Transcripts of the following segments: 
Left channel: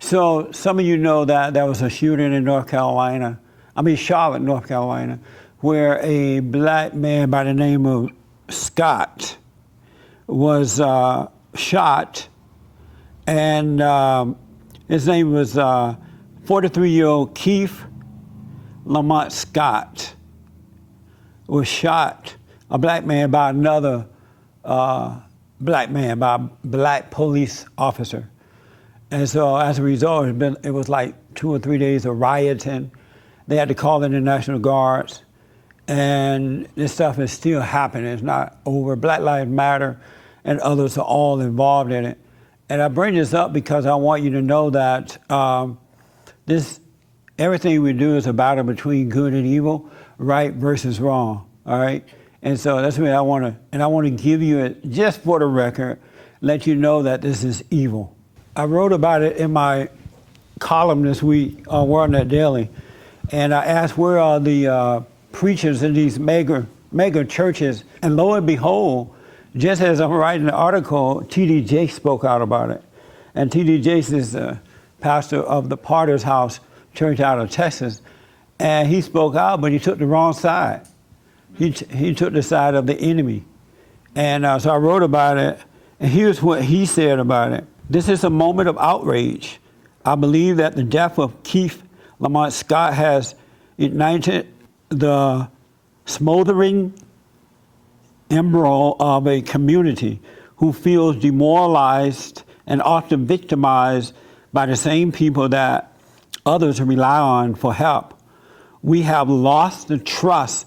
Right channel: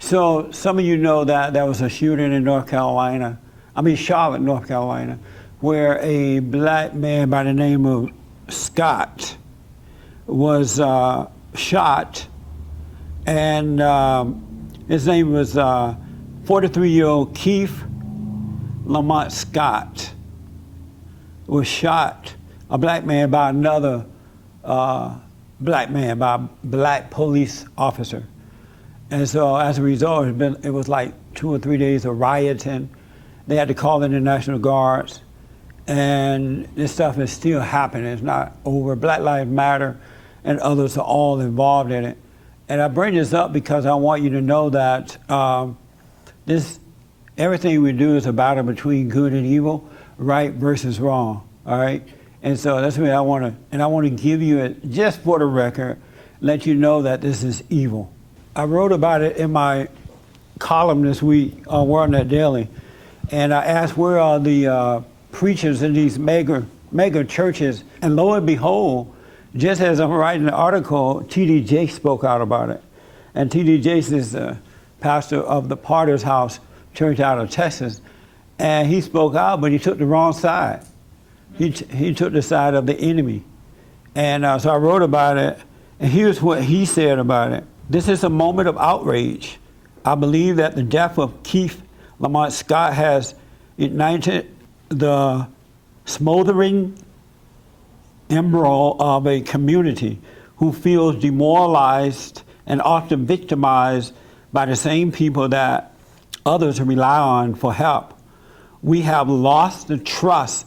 So some of you know that there was a shooting in Charlotte, North Carolina, where a black man by the name of Scott was shot, and his name was 43-year-old Keith Lamont Scott was shot, a black man by another black man, by a black police officer. And so as a result, it was like 2 or 3 days of rioting. They had to call in the National Guards, and this stuff is still happening. It's not over. Black Lives Matter and others are all involved in it. And I bring this up because I want you to know that everything we do is a battle between good and evil, right versus wrong, all right? And so that's what I want to give you it, just for the record, let you know that this is evil. I wrote about it in my column this week on WorldNet Daily, and I asked where are the preachers in these mega churches, and lo and behold, just as I'm writing the article, T.D. Jakes spoke out about it. And T.D. Jakes is the pastor of the Potter's House Church out of Texas, and he spoke out, but he took the wrong side. He took the side of the enemy. And so I wrote about it, and here's what he said about it. This is a moment of outrage. I believe that the death of Keith Lamont Scott has ignited the smoldering embryo of a community who feels demoralized and often victimized by the same people that others rely on for help. We have lost the trust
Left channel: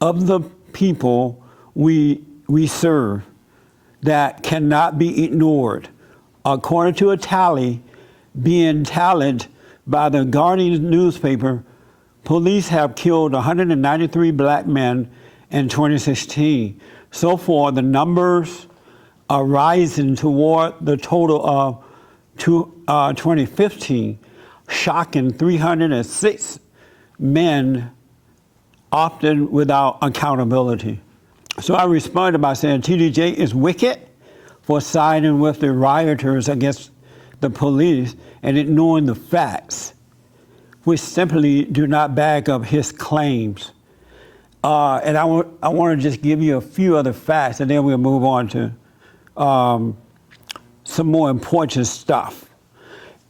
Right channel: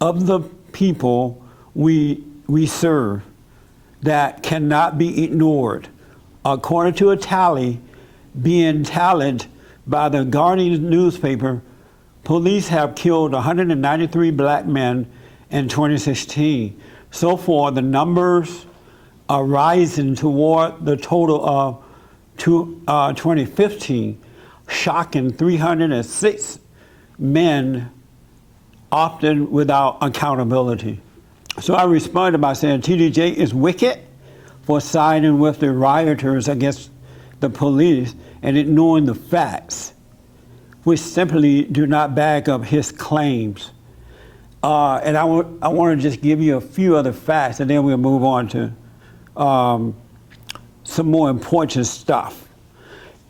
of the people we serve that cannot be ignored. According to a tally being tallied by the Guardian newspaper, police have killed 193 black men in 2016. So far, the numbers are rising toward the total of 2015, shocking 306 men, often without accountability. So I responded by saying TDJ is wicked for siding with the rioters against the police and ignoring the facts, which simply do not back up his claims. And I want to just give you a few other facts, and then we'll move on to some more important stuff.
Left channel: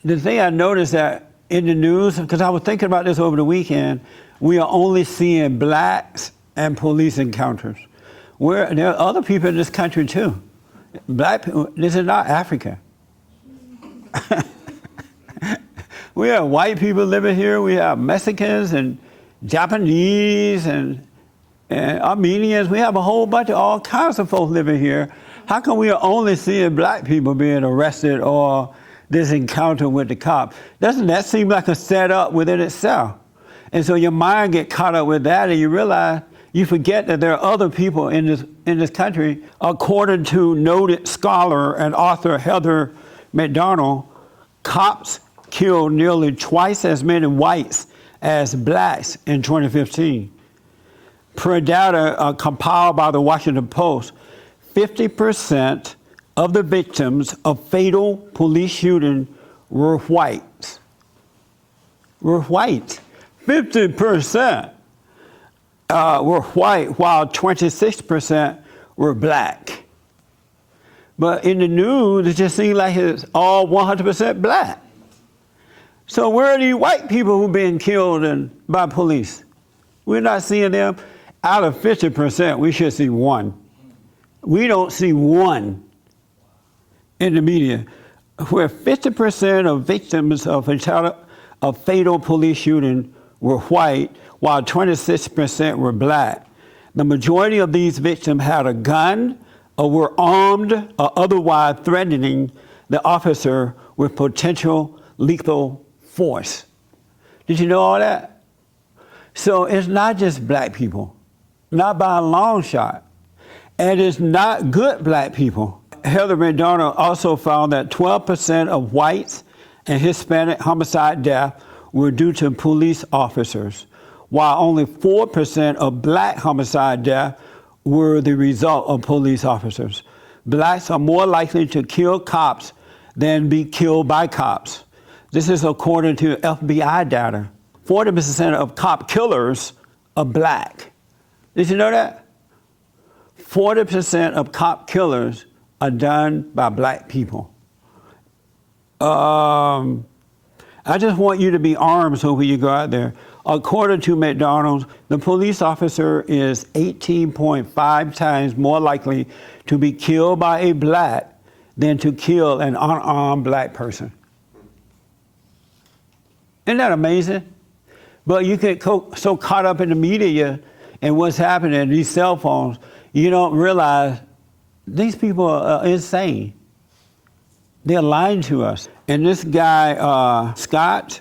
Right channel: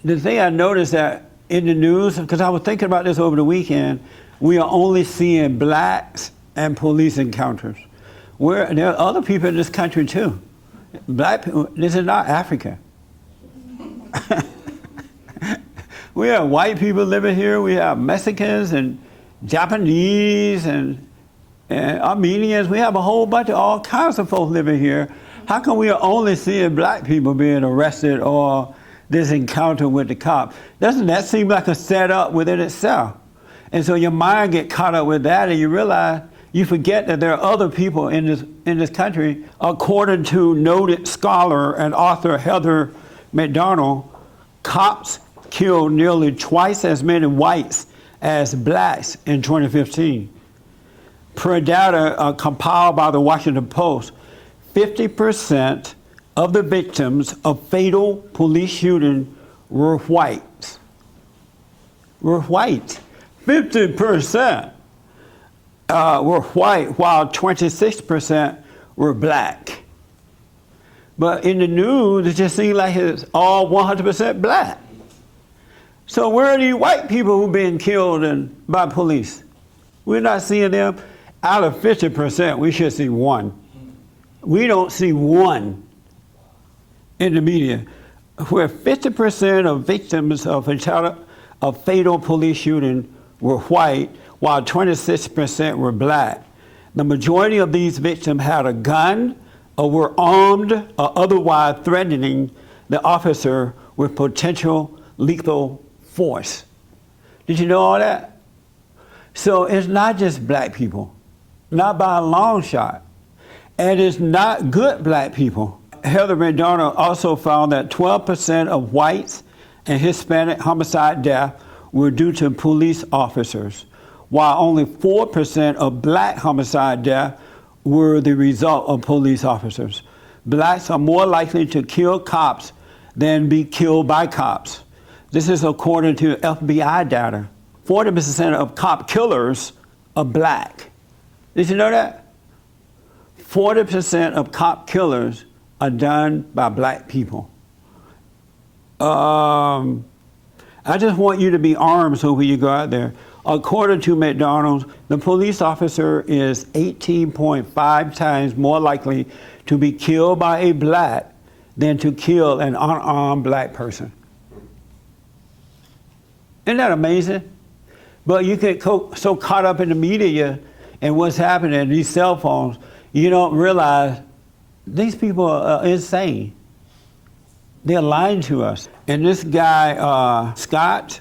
The thing I noticed that in the news, because I was thinking about this over the weekend, we are only seeing blacks and police encounters. There are other people in this country too. Black people, this is not Africa. We have white people living here. We have Mexicans and Japanese and Armenians. We have a whole bunch of all kinds of folks living here. How come we are only seeing black people being arrested or this encounter with the cop? Doesn't that seem like a setup within itself? And so your mind get caught up with that, and you realize, you forget that there are other people in this country. According to noted scholar and author Heather McDonald, cops killed nearly twice as many whites as blacks in 2015. Per data compiled by the Washington Post, 50% of the victims of fatal police shooting were white. 50% were white, while 26% were black. But in the news, it just seems like it's all 100% black. So where are these white people who've been killed by police? We're not seeing them. Out of 50%, we should see one. We don't see one in the media. Where 50% of victims of fatal police shooting were white, while 26% were black. The majority of these victims had a gun or were armed or otherwise threatening the officer with potential lethal force. Did you know all that? So it's not just black people, not by a long shot. And it's not good black people. Heather McDonald also found that 12% of whites and Hispanic homicide deaths were due to police officers, while only 4% of black homicide deaths were the result of police officers. Blacks are more likely to kill cops than be killed by cops. This is according to FBI data. 40% of cop killers are black. Did you know that? 40% of cop killers are done by black people. I just want you to be armed so when you go out there. According to McDonald's, the police officer is 18.5 times more likely to be killed by a black than to kill an unarmed black person. Isn't that amazing? But you get so caught up in the media and what's happening, these cell phones, you don't realize these people are insane. They're lying to us. And this guy, Scott,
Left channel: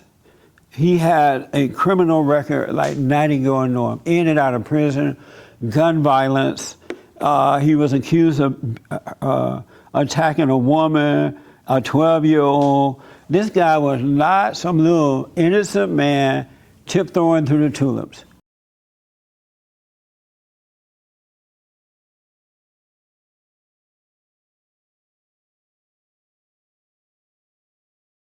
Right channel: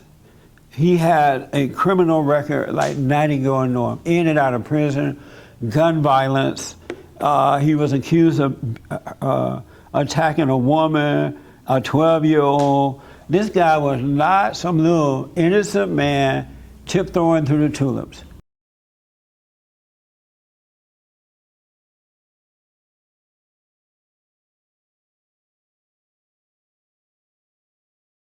he had a criminal record like 90 going on, in and out of prison, gun violence. He was accused of attacking a woman, a 12-year-old. This guy was not some little innocent man tiptoeing through the tulips.